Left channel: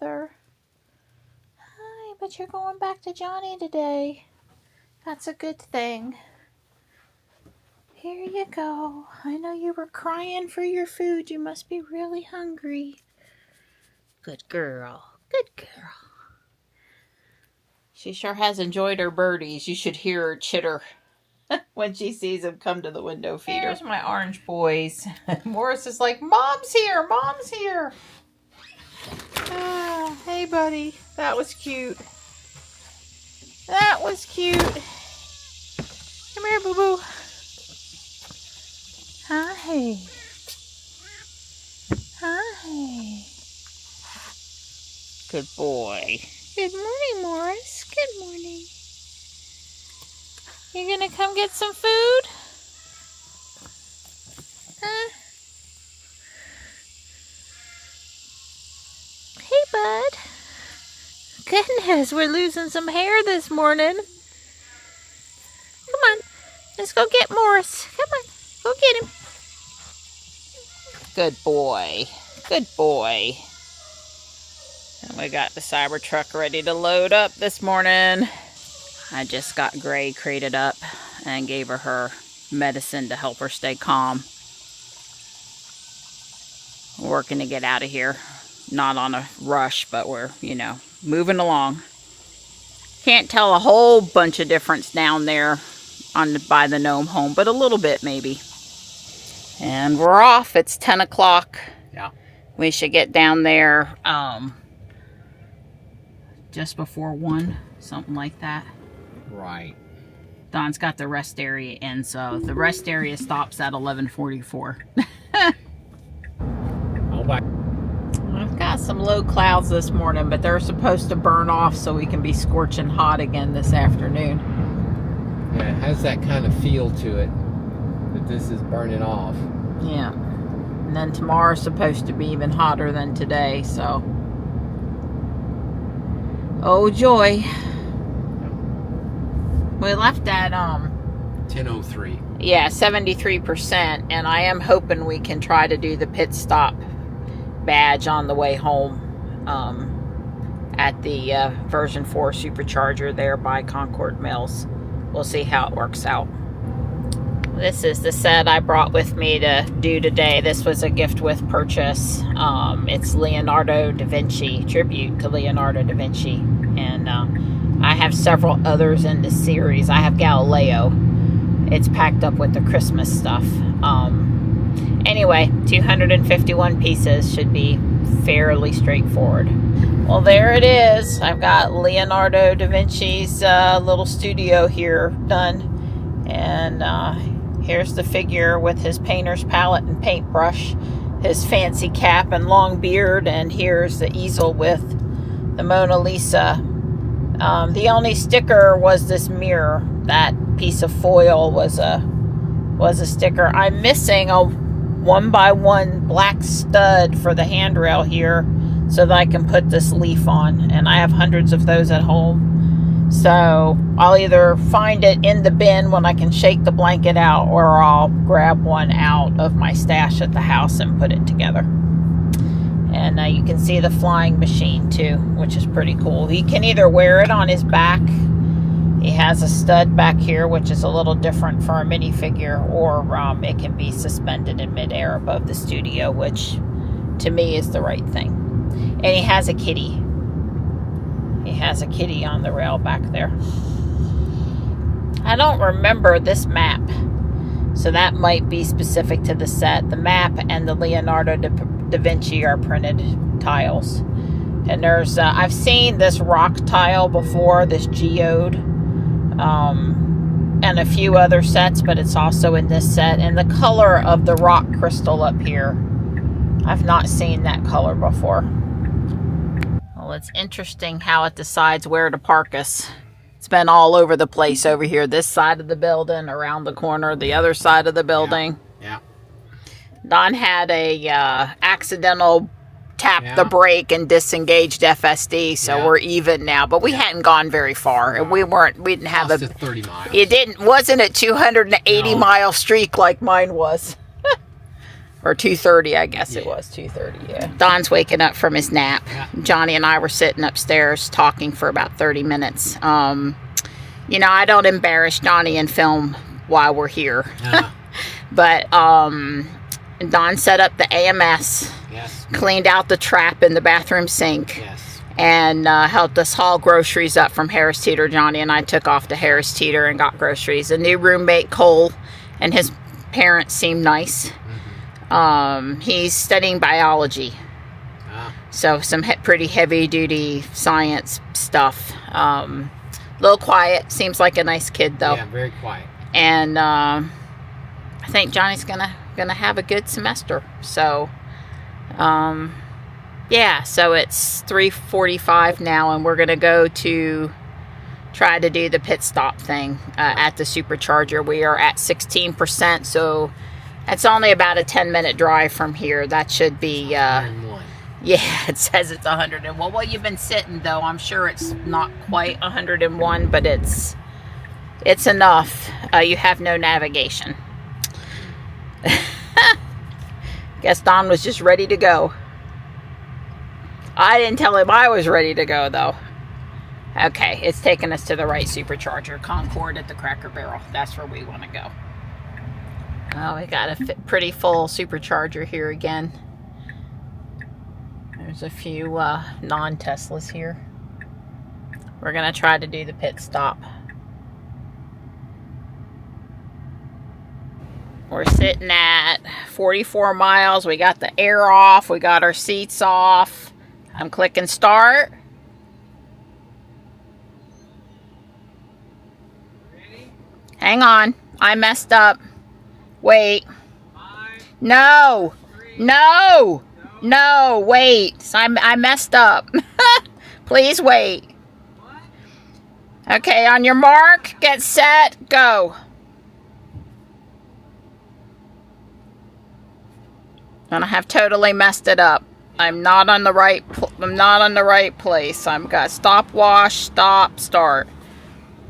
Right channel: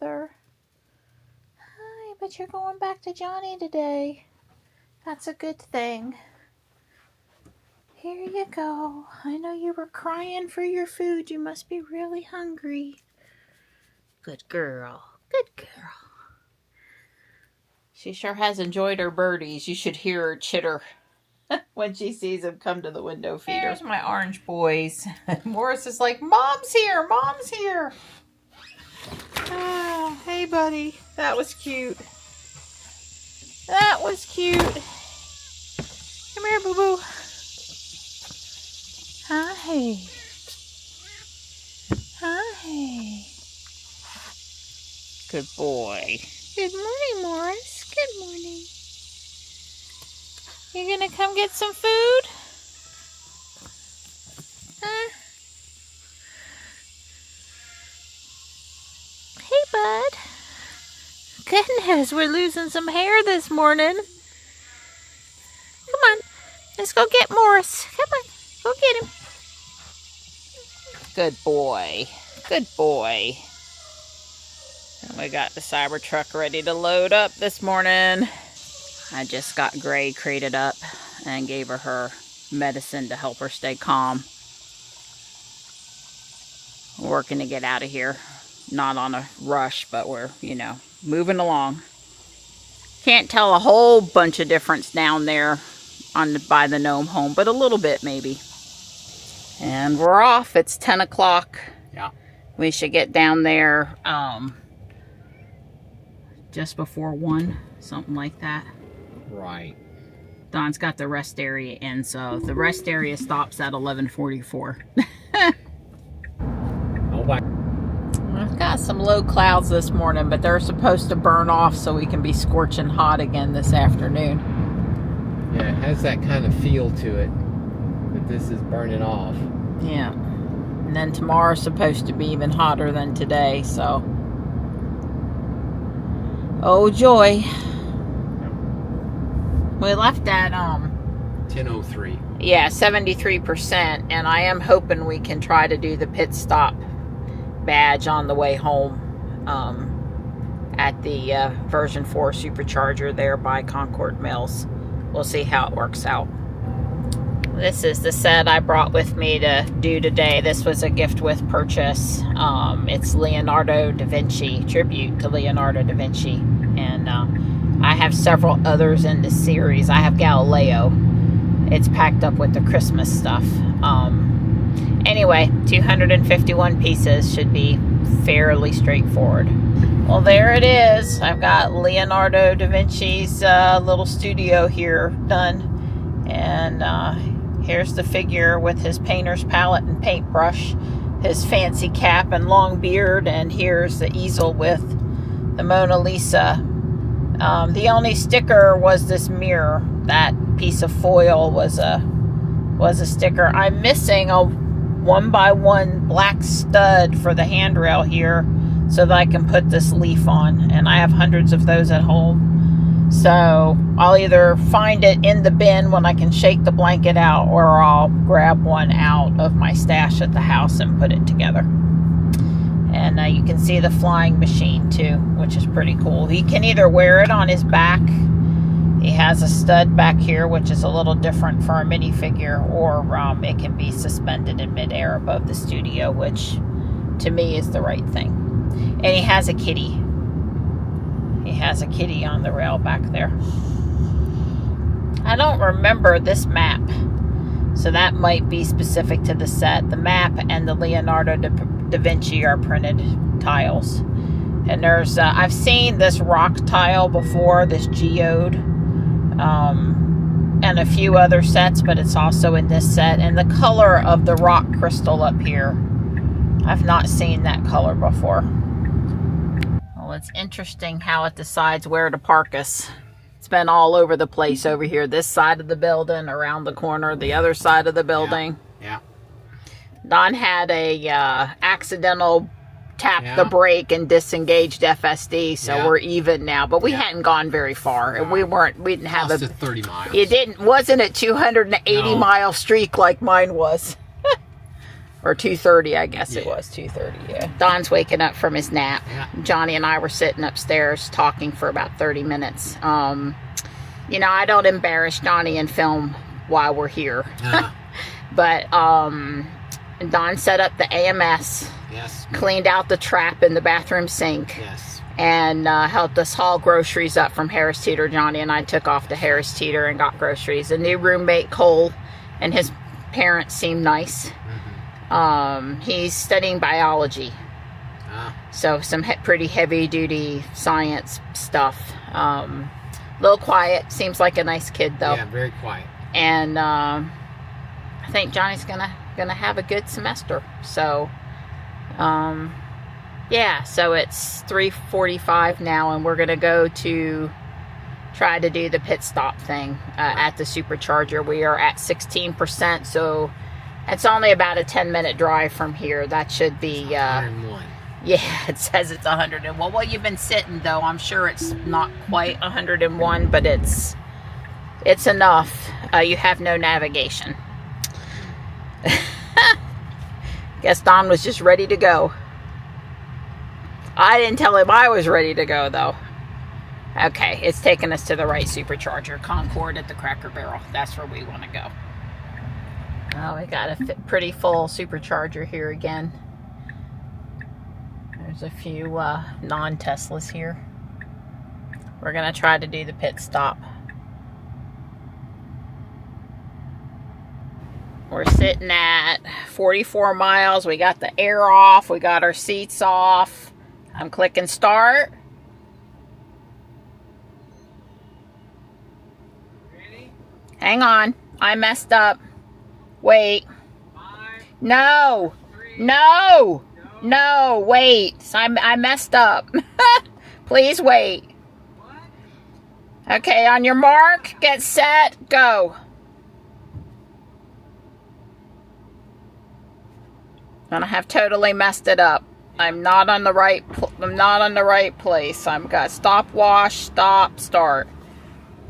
together. Hi, but you're going back to Johnny today. That's a good thing. Here you go. I know you were crying for your food. You must be really hungry. Good girl. Good girl. She sure has enjoyed her birdies. You should hear her chitter when she sees them come to the window feeder. Here's my orange boys. Morris is like, Mom's here. Mom's here. Oh, hey, buddy. That was cute. That was cute. Come here, boo-boo. Hi. Hi. Good boy. Good morning, Morris. Good morning. You gonna come get some food? Huh? Hey, bud. Goodness, we're losing some hair this morning. Come on. Let's go get Morris. Come on. Go get him. Good boy. Good boy. And we got the Cybertruck ready to load up this morning. I just got Gray crated up and gave her medicine to help her stay calm. We're working to get out of here. Not on a rush, but we're, you know, moving along. Can't tell a whole bunch of difference down there by the gnome home, but a little bit maybe. And we're off. It's 10 o'clock. Yeah. We should get down there just before 1, something like that. Right. Don's got the rest area in, so the rest area stops at 11:44. Oh, bye. I've got some low clouds this morning, but they're supposed to burn off so we can be scorching hot again this afternoon. Yeah, it has that kind of feel to it, that this is burning off. Yeah. And then tomorrow's supposed to be even hotter than today, so. Oh, joy. We left at, 10:03. yeah, 73%, and I am hoping we can try to do the pit stop badge on the way home at the version 4 supercharger there by Concord Mills. We'll see how it works out. This is the set I brought with me to do today. This was a gift with purchase. It's Leonardo da Vinci, tribute to Leonardo da Vinci. And I have several others in this series. I have Galileo. It's packed up with the Christmas stuff. Anyway, 251 pieces, should be fairly straightforward. Well, there it is. I've got Leonardo da Vinci's little studio here done. And here's the figure with his painter's palette and paintbrush, his fancy cap and long beard, and here's the easel with the Mona Lisa. The only sticker was this mirror. That piece of foil was a sticker. I'm missing a 1x1 black stud for the handrail here so that I can put this leaf on, and I have hundreds of those at home. So I'll either find it in the bin when I can shake the blanket out, or I'll grab one out of my stash at the house and put it together. And you can see the flying machine too, which is pretty cool. He can either wear it on his back. He has a stud back here, which is a little different for a minifigure, or it can be suspended in midair above the studio, which to me is the right thing. And he has a kitty. He has a kitty on the rail back there. I don't remember this map, so that might be specific to the set. The map and the Leonardo da Vinci are printed tiles. And there's, I've seen this rock tile before, this geode, and a few other sets, but it's also in this set. And the color of the rock crystal up here, I've not seen that color before. Well, it's interesting how it decides where to park us. It's been all over the place over here. This side of the building, around the corner, the other side of the building. Yeah. Don had a accidental tap the brake and disengaged FSD, so we're even now. But we hadn't gone very far. No. We didn't have a 30 miles. It wasn't a 280 mile streak like mine was. Or 2:30, I guess Yeah. it was 2:30. Yeah. Don's waking up from his nap. Yeah. Johnny and I were sitting upstairs talking for about 30 minutes. You know, I don't embarrass Johnny and film while we're here. But Don set up the AMS. Yes. Cleaned out the trap in the bathroom sink. Yes. And helped us haul groceries up from Harris Teeter. Johnny and I took off to Harris Teeter and got groceries. A new roommate, Cole, and his parents seem nice. He's studying biology. So some pretty heavy duty science stuff. Little quiet. Seems like a nice kid though. Yeah, very quiet. And I think Johnny's gonna have a good semester. So yeah, so it's 3:45 now, and we're gonna go to try to do the pit stop thing at the supercharger. We are at 16%, so that's only about a 10-minute drive from here. That should be 101. Yeah, it says it's 101. Well, you've been sitting though. I'm sure it's not quite 101, but it's enough. You have no navigation. Guess Don was just ready to go. I didn't tell him I was ready to go though. Okay, it's taking us to the right supercharger, Concord at the Cracker Barrel. That's where we want to go. Oh, we got a pretty full supercharger here again. There's a few non-Teslas here. We're gonna try to do the pit stop. We're sitting at 44 miles. We got the air off. We got our seats off. I'm clicking start. Ready? Hang on. I messed up. Wait. 5, No. 3, No. No. Wait. So I messed up. Please wait. What? Okay, on your mark, get set, go. And I have totally messed it up. I'm not on the right place. I'm got stop, wash, stop, start.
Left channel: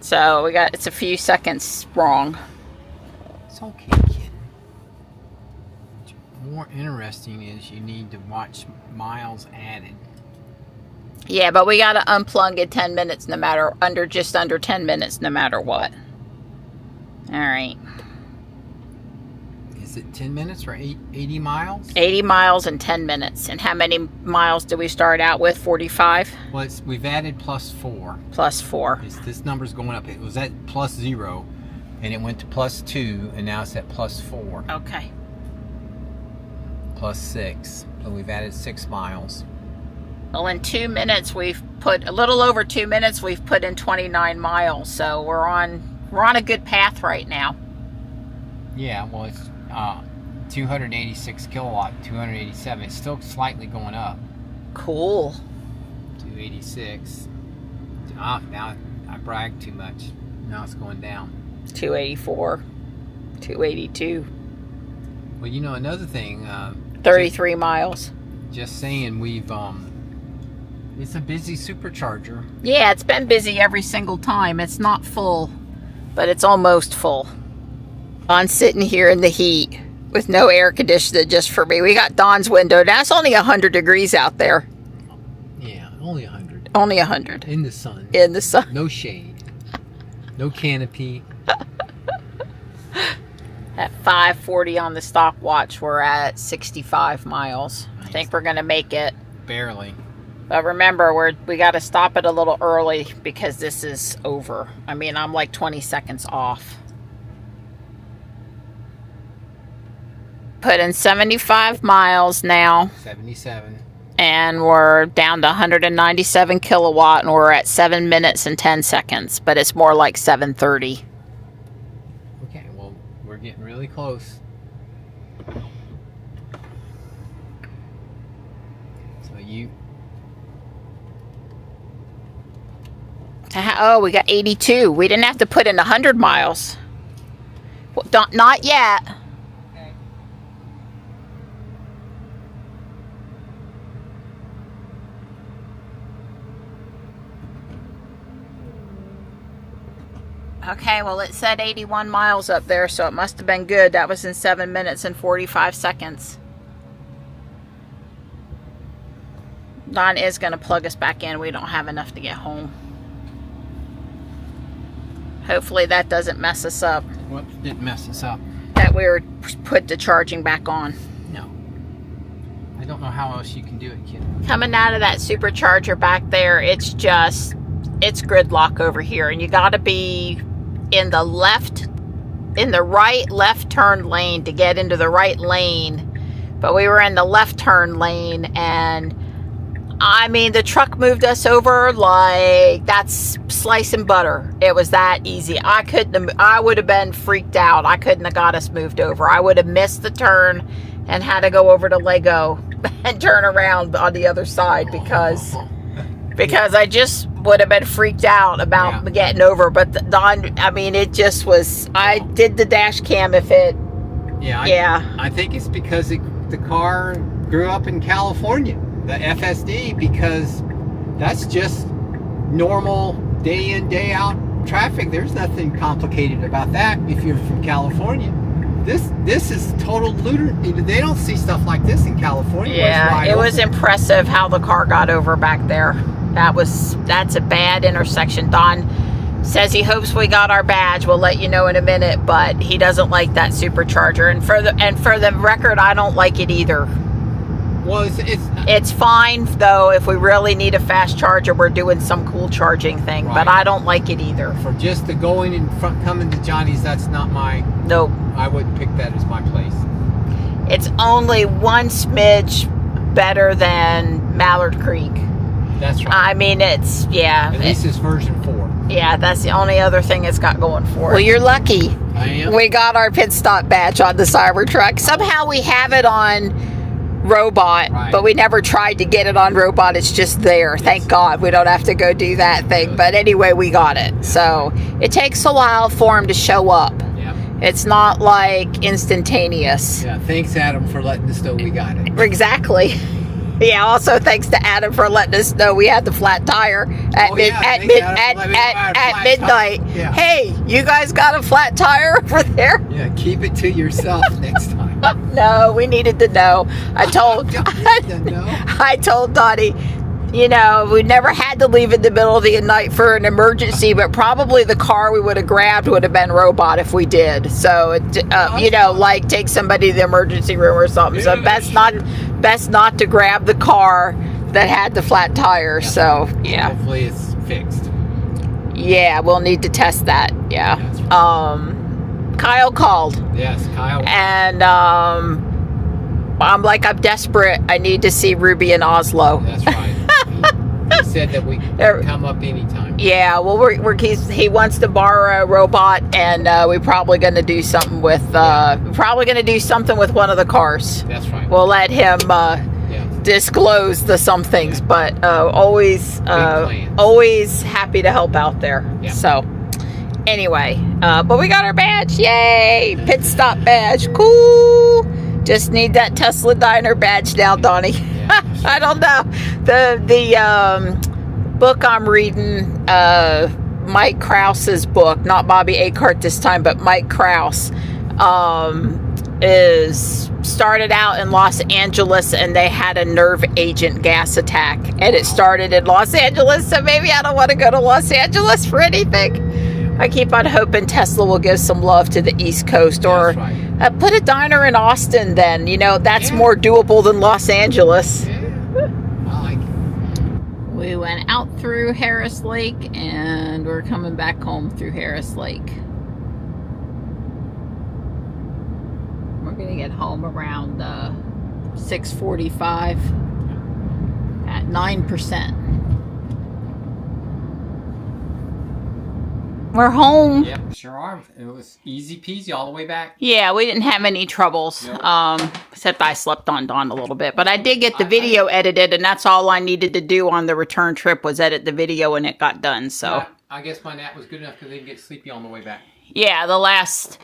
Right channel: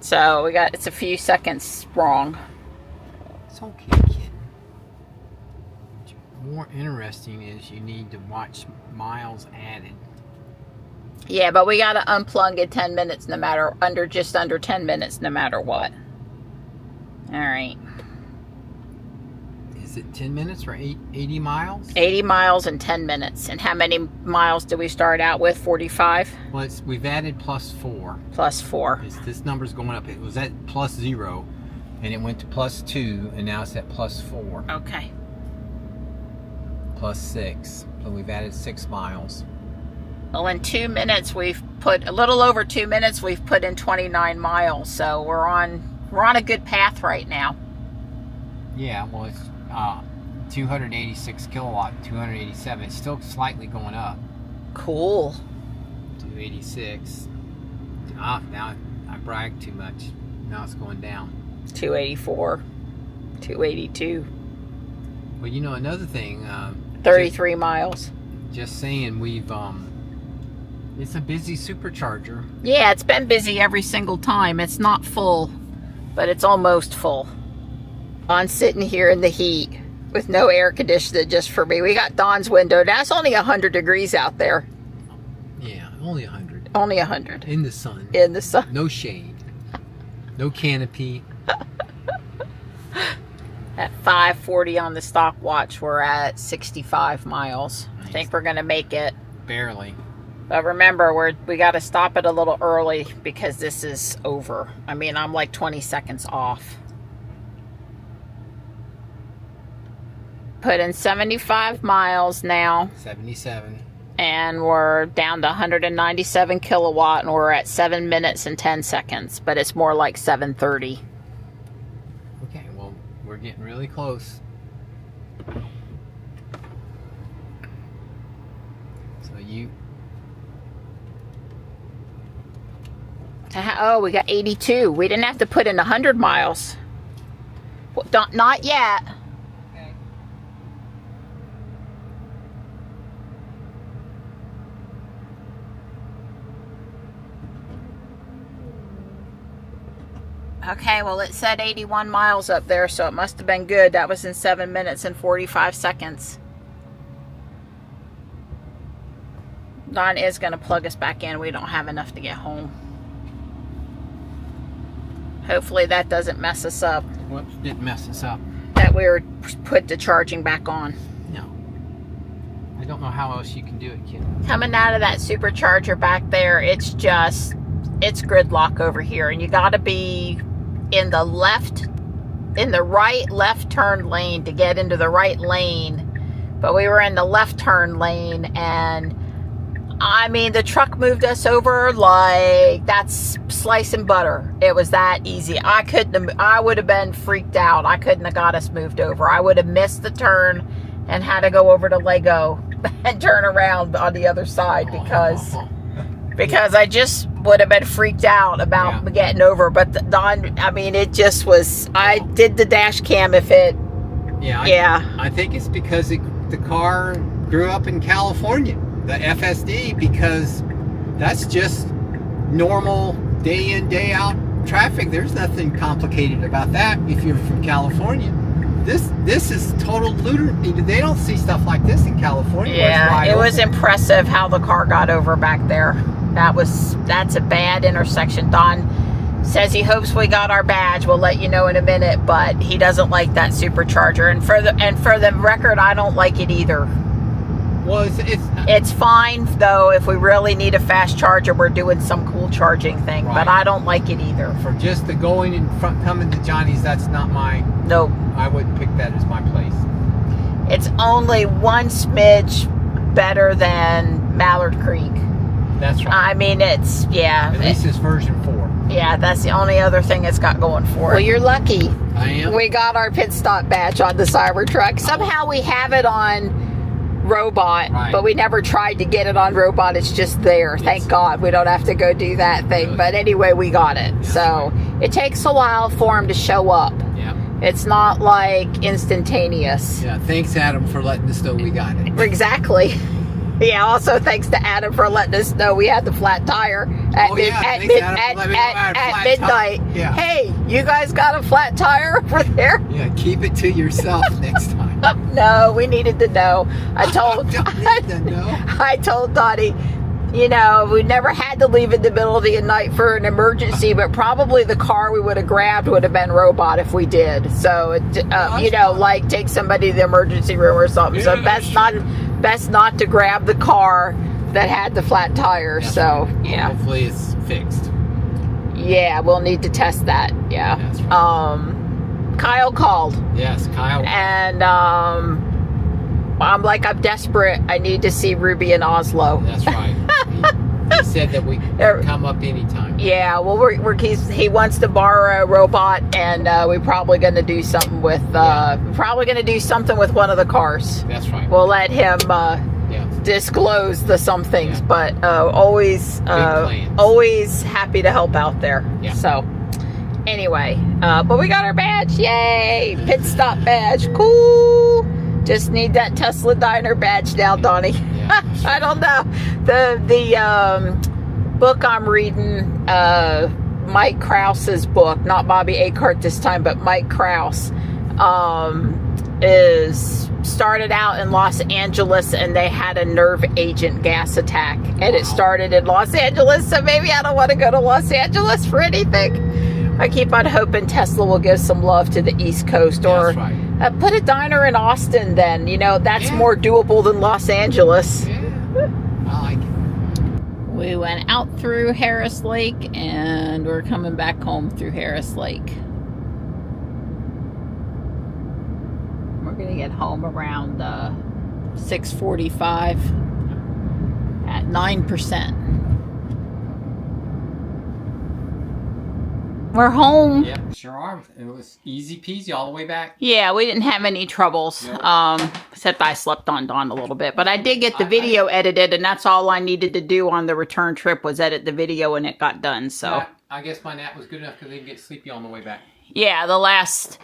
So it's a few seconds wrong. It's okay, kid. What's more interesting is you need to watch miles added. Yeah, but we gotta unplug in 10 minutes just under 10 minutes no matter what. Alright. Is it 10 minutes or 80 miles? 80 miles in 10 minutes. And how many miles do we start out with? 45? Well, we've added +4. +4. This number's going up. It was at +0, and it went to +2, and now it's at +4. Okay. +6. So we've added 6 miles. Well, in 2 minutes, we've put a little over 2 minutes. We've put in 29 miles, so we're on a good path right now. Yeah, well, it's 286 kilowatt, 287. It's still slightly going up. Cool. 286. Now I bragged too much. Now it's going down. 284, 282, Well, you know, another thing. 33 miles. Just saying, we've it's a busy supercharger. Yeah, it's been busy every single time. It's not full, but it's almost full. I'm sitting here in the heat with no air conditioner just for me. We got Don's window. That's only 100 degrees out there. Yeah, only 100. Only 100. In the sun. In the sun. No shade. No canopy. At 5:40 on the stopwatch, we're at 65 miles. Nice. I think we're going to make it. Barely. But remember, we got to stop it a little early because this is over. I mean, I'm like 20 seconds off. Put in 75 miles now. 77. And we're down to 197 kilowatt, and we're at 7 minutes and 10 seconds. But it's more like 7:30. Okay, well, we're getting really close. So Oh, we got 82. We didn't have to put in 100 miles. Well, not yet. Okay. Okay, well it said 81 miles up there, so it must have been good. That was in 7 minutes and 45 seconds. Don is going to plug us back in. We don't have enough to get home. Hopefully that doesn't mess us up. What didn't mess us up? That we were put the charging back on. No. I don't know how else you can do it, kid. Coming out of that supercharger back there, it's gridlock over here. And you got to be in the right left turn lane to get into the right lane. But we were in the left turn lane, and I mean, the truck moved us over like that's slicing butter. It was that easy. I would have been freaked out. I couldn't have got us moved over. I would have missed the turn and had to go over to Lego and turn around on the other side because I just would have been freaked out about getting over. But Don, I mean, it just was, I did the dash cam if it, I think it's because the car grew up in California. The FSD, because that's just normal day in, day out traffic. There's nothing complicated about that if you're from California. This is total looter. They don't see stuff like this in California. Yeah, it was impressive how the car got over back there. That's a bad intersection. Don says he hopes we got our badge. We'll let you know in a minute, but he doesn't like that supercharger. And for the record, I don't like it either. Well, it's fine though. If we really need a fast charger, we're doing some cool charging thing. Right. But I don't like it either. For just the going in front, coming to Johnny's, that's not my. Nope. I wouldn't pick that as my place. It's only one smidge better than Mallard Creek. That's right. I mean, it's At least it's version 4. Yeah, that's the only other thing it's got going for it. Well, you're lucky. I am. We got our pit stop badge on the Cybertruck. Somehow we have it on robot, but we never tried to get it on robot. It's just there. Thank God we don't have to go do that thing. But anyway, we got it. So it takes a while for him to show up. Yeah. It's not like instantaneous. Yeah. Thanks, Adam, for letting us know we got it. Exactly. Yeah, also thanks to Adam for letting us know we had the flat tire at midnight. Yeah. Hey, you guys got a flat tire over there? Yeah, keep it to yourself next time. No, we needed to know. I told Donnie, you know, we never had to leave in the middle of the night for an emergency, but probably the car we would have grabbed would have been robot if we did. So, you know, like take somebody to the emergency room or something. So best not to grab the car that had the flat tire. So, yeah. Hopefully it's fixed. Yeah, we'll need to test that. Yeah. Right. Kyle called. Yes, Kyle. And I'm desperate. I need to see Ruby in Oslo. That's right. He said that we can come up anytime. Yeah, well, he wants to borrow a robot, and we're probably going to do something with one of the cars. That's right. We'll let him disclose the some things, but always happy to help out there. Yeah. So anyway, but we got our badge. Yay! Pit stop badge. Cool. Just need that Tesla Diner badge now, Donnie. Yeah, sure. I don't know. The book I'm reading, Mike Krause's book, not Bobby Akart this time, but Mike Krause, is started out in Los Angeles, and they had a nerve agent gas attack, and it started in Los Angeles. So maybe I don't want to go to Los Angeles for anything. I keep on hoping Tesla will give some love to the East Coast, or put a diner in Austin then. You know, that's more doable than Los Angeles. Yeah. I like it. We went out through Harris Lake, and we're coming back home through Harris Lake. We're going to get home around 6:45 at 9%. We're home. Yep, sure are. It was easy peasy all the way back. Yeah, we didn't have any troubles. Nope. Except I slept on Dawn a little bit. But I did get the video edited, and that's all I needed to do on the return trip was edit the video, and it got done. So yeah, I guess my nap was good enough because I didn't get sleepy on the way back. Yeah, the last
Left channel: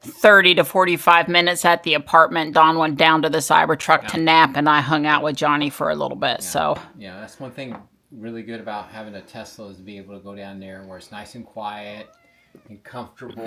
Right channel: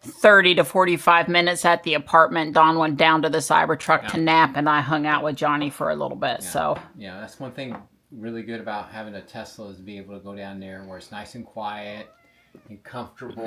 30 to 45 minutes at the apartment, Dawn went down to the Cybertruck to nap, and I hung out with Johnny for a little bit. So yeah, that's one thing really good about having a Tesla is to be able to go down there where it's nice and quiet. and comfortable,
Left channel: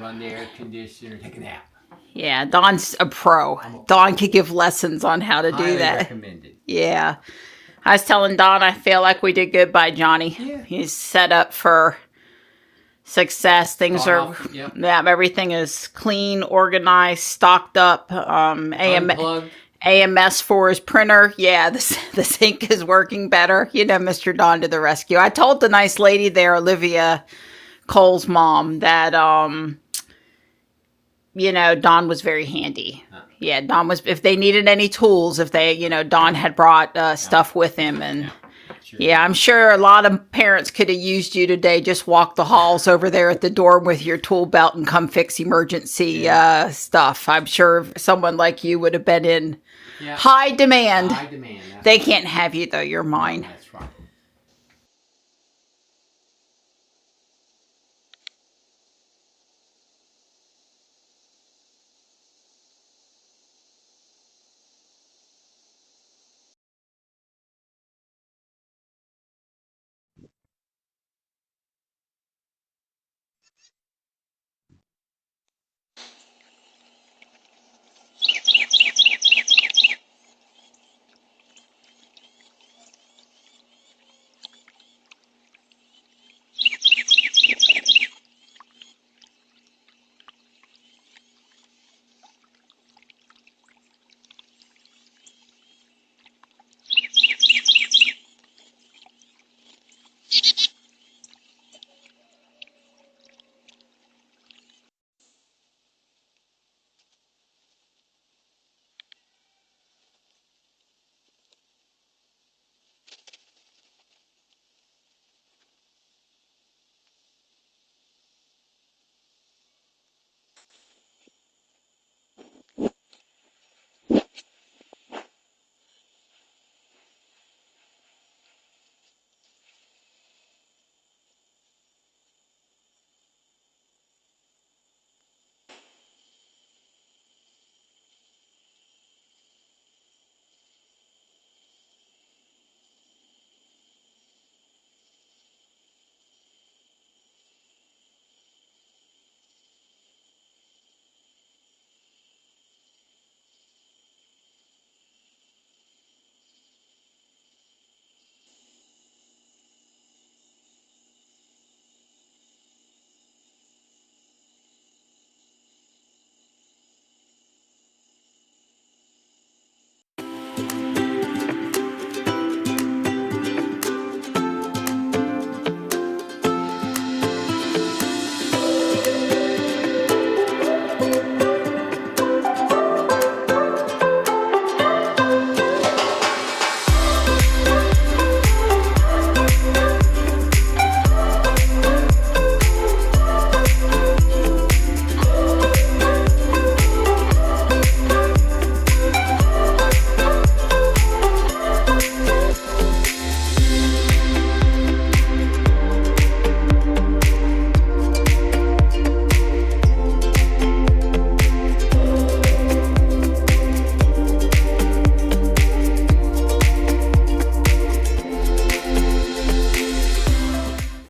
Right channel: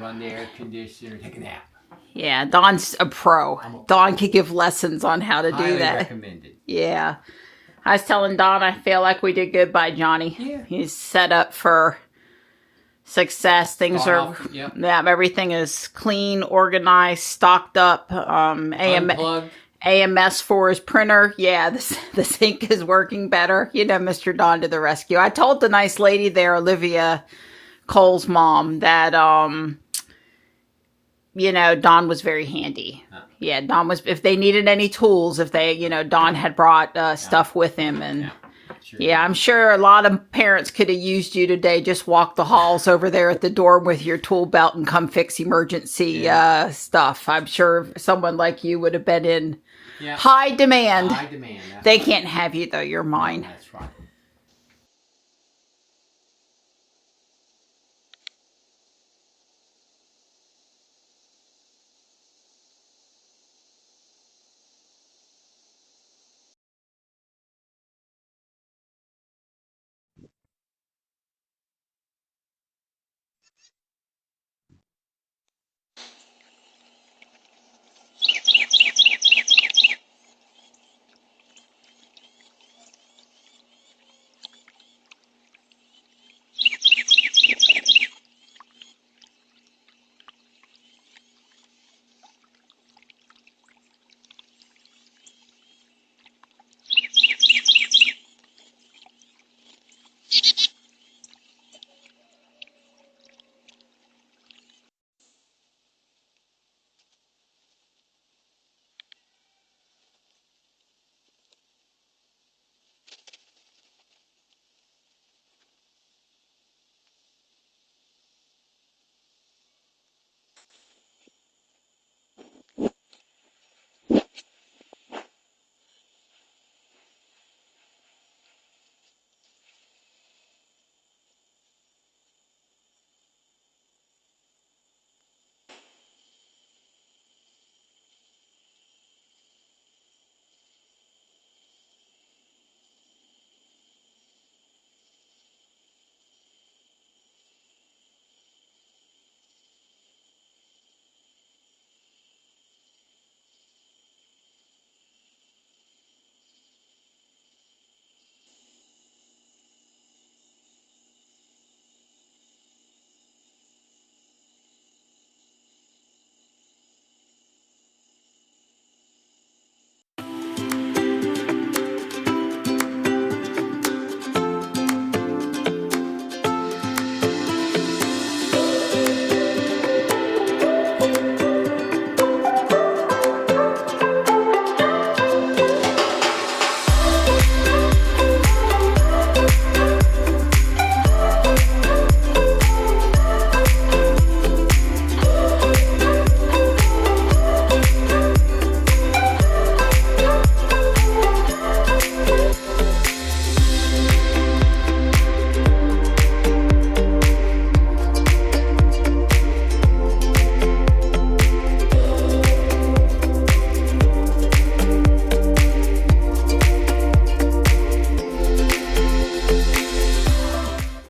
run the air conditioner, take a nap. Yeah, Don's a pro. Don could give lessons on how to do that. Recommended. Yeah. I was telling Don I feel like we did good by Johnny. Yeah. He's set up for success. Things are, yeah, everything is clean, organized, stocked up. AMS for his printer. Yeah, the sync is working better. You know, Mr. Don to the rescue. I told the nice lady there, Olivia Cole's mom, that, you know, Don was very handy. Yeah, Don was, if they needed any tools, if they, you know, Don had brought stuff with him. And yeah, I'm sure a lot of parents could have used you today. Just walk the halls over there at the door with your tool belt and come fix emergency stuff. I'm sure someone like you would have been in high demand. High demand. They can't have you though. You're mine. That's right.